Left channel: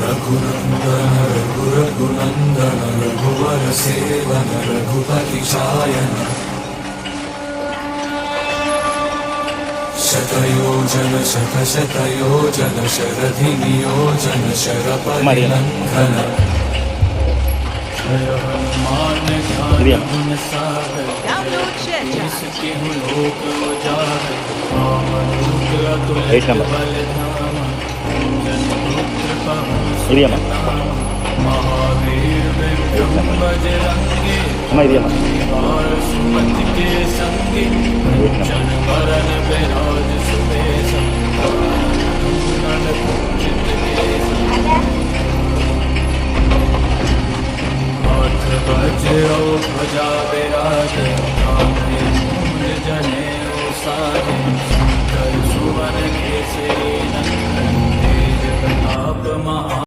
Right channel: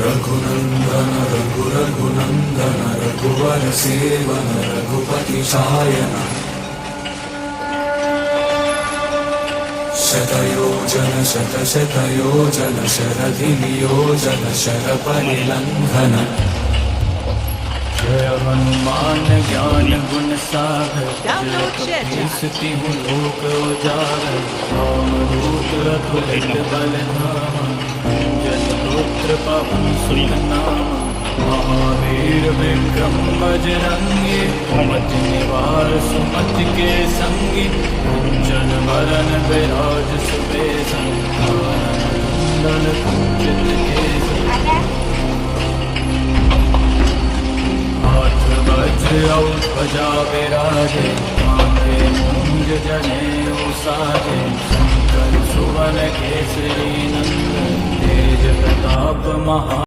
रघुनन्दन रघुरघुनन्दन रघुवर seven Raghupati Shayan शतयोजन शतशतयोजन शरधिनियोजन शरपरिनन्दन जय हनुमान ज्ञान गुण सागर Download ShareChat. सिद्धि लोक उजागर रामदूत अतुलित बल धामा जन पुत्र पवन सुत नामा महावीर विक्रम बजरंगी कुमति निवार सुमति के संगी कंचन वरन विराज सुबेसा कानन कुंडल कुंचित केसा हाथ वज्र और ध्वजा विराजे कांधे मूंज जनेऊ साजे शंकर सुवन केसरी नंदन तेज प्रताप महा